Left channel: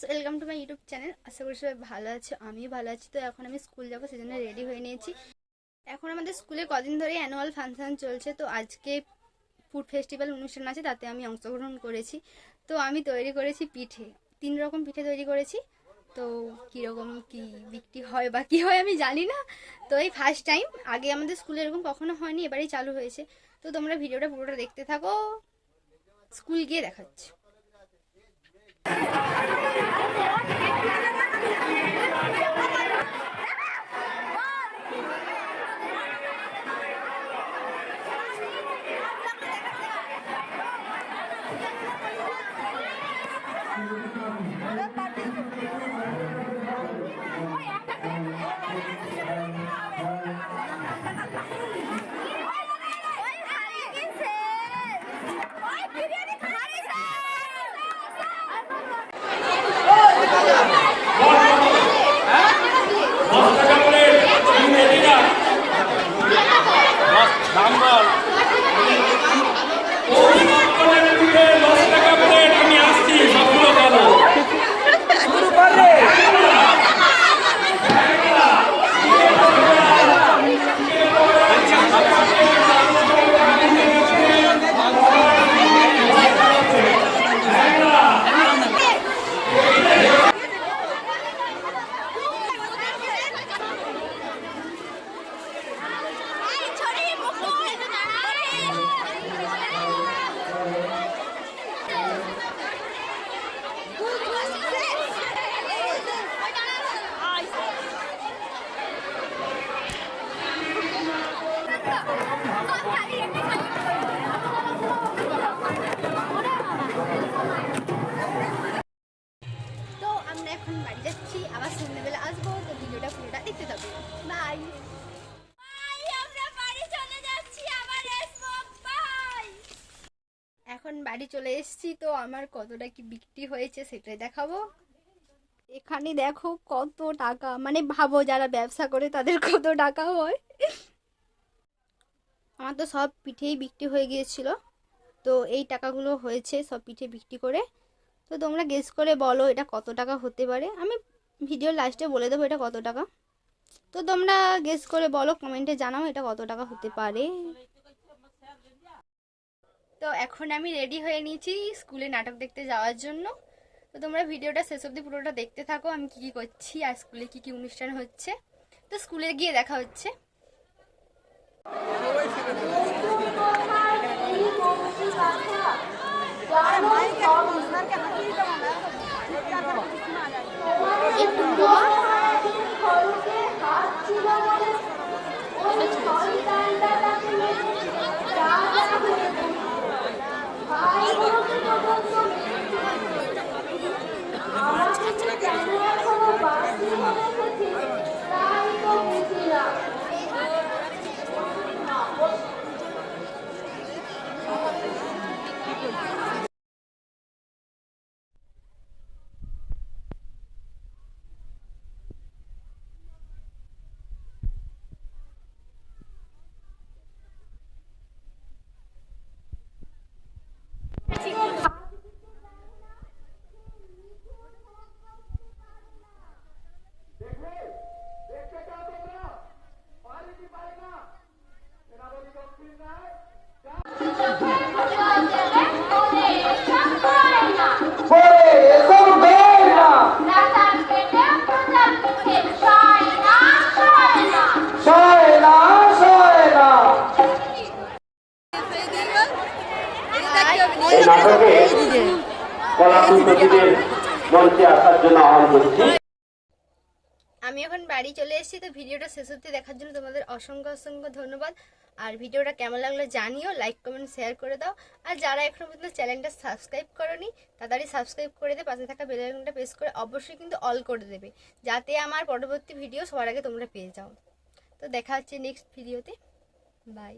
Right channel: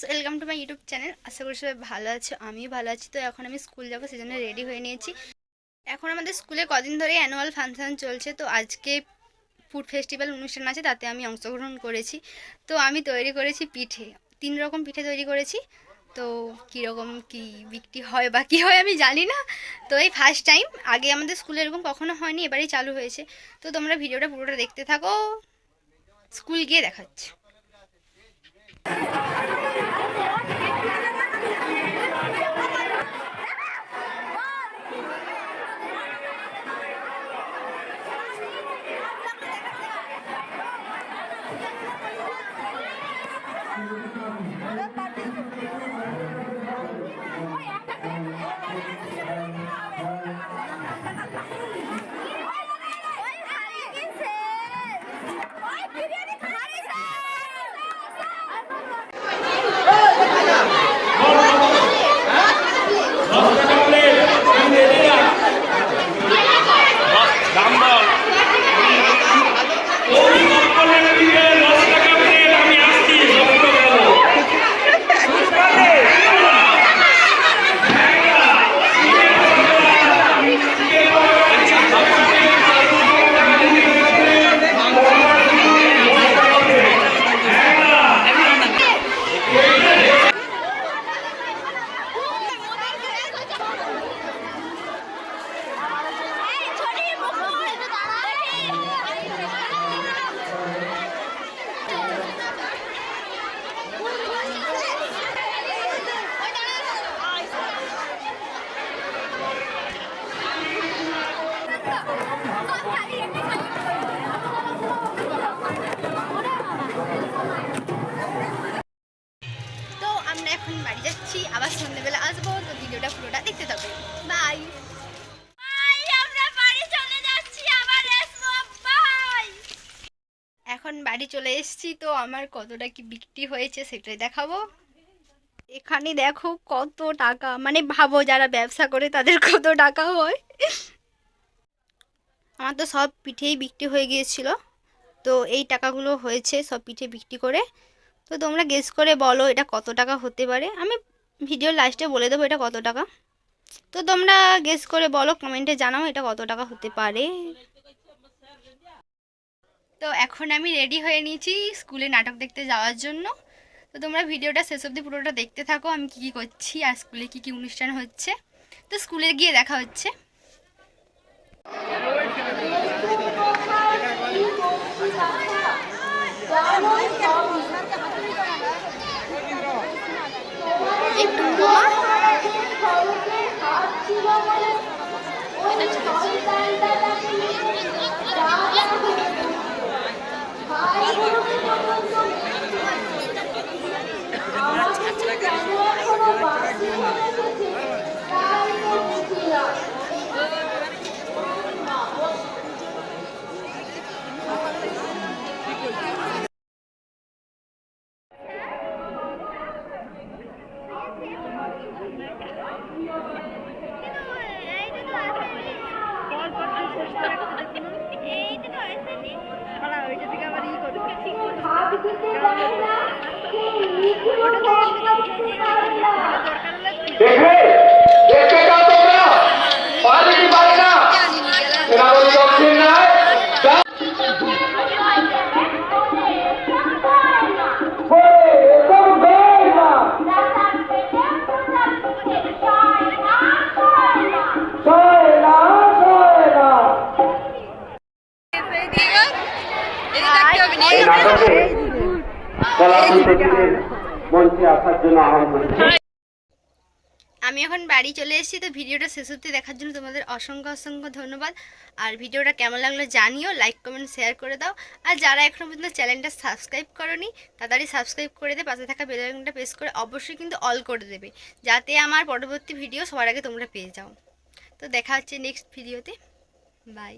Friends, welcome to my YouTube channel. আশা করি সবাই ভালো আছো, আমিও ভালো আছি। তো এখন আমি স্কুল যাবো, সেজন্য রেডি হয়ে নিয়েছি। এখন আমাদের স্কুলে কদিন ধরে অ্যানুয়াল ফাংশন চলছে, তো আজকে ফুড ফেস্টিভ্যাল অনুষ্ঠান আছে, তাতে আমি অংশগ্রহণ করেছি। তো আমি তৈরি করেছি পিঠে, 3 রকম পিঠে তৈরি করেছি। তো কীরকম কী বিক্রি হয় বা কী হয় আমি জানি না। তো এই ফার্স্ট টাইম, আগে আমাদের স্কুলে এরকম কখনো হয়নি, এবারেই চালু হয়েছে। তো তোমরা ভিডিওটা পুরোটা দেখতে থাকো, স্কুল গিয়ে দেখাচ্ছি। এখন বাড়ি যাচ্ছি, আবার সন্ধ্যেবেলা আসবো। তো ভিডিওটা পুরোটা দেখতে থাকো। বাই। এখন বাড়ি চলে এসেছি, তো আমার কতটা কি বিক্রি হয়েছে সেটাই দেখাবো। এখানে দেখো কত টাকা, মানে ভাবো যারা ব্যবসা করে তাদের কত টাকা হয়। আমার তো সব পিঠেই বিক্রি হয়ে গিয়েছিল, তো এই টাকাগুলো হয়েছে সব পিঠে বিক্রি করে। তো তোমরা গেস করে বলো এটা কত টাকা হতে পারে। আমি ভিডিওর লাস্টে বলে দেবো এটা কত টাকা। তো তোমরা গেস করে বলো, কমেন্টে জানাও এটা কত টাকা হতে পারে। তো এখন আমি রেডি হয়ে নিয়েছি স্কুলে নাটক দেখতে যাওয়ার জন্য। তো তোমরা ভিডিওটা শেষ অবধি পুরোটা দেখতে থাকো, আমি কী কী করছি আর স্কুলে কী কী অনুষ্ঠান হচ্ছে। তো স্কুলে গিয়ে দেখা হচ্ছে। একটু আমি এখন বাড়ি চলে এসেছি। তো ভিডিওটা শেষ অবধি দেখার জন্য তোমাদের অসংখ্য অসংখ্য ধন্যবাদ। আর ভিডিওটা কেমন লাগলো জানিও, লাইক কমেন্ট শেয়ার করে দাও। আর যারা এখনো পর্যন্ত চ্যানেলটা সাবস্ক্রাইব করোনি তাড়াতাড়ি সাবস্ক্রাইব করে দে, পাশে থাকা বেল আইকনটা প্রেস করে অবশ্যই কিন্তু অল করে দেবে, যাতে আমার পরবর্তী ভিডিও সবার আগে তোমরা পেয়ে যাও। তো দেখা হচ্ছে নেক্সট ভিডিওতে। বাই।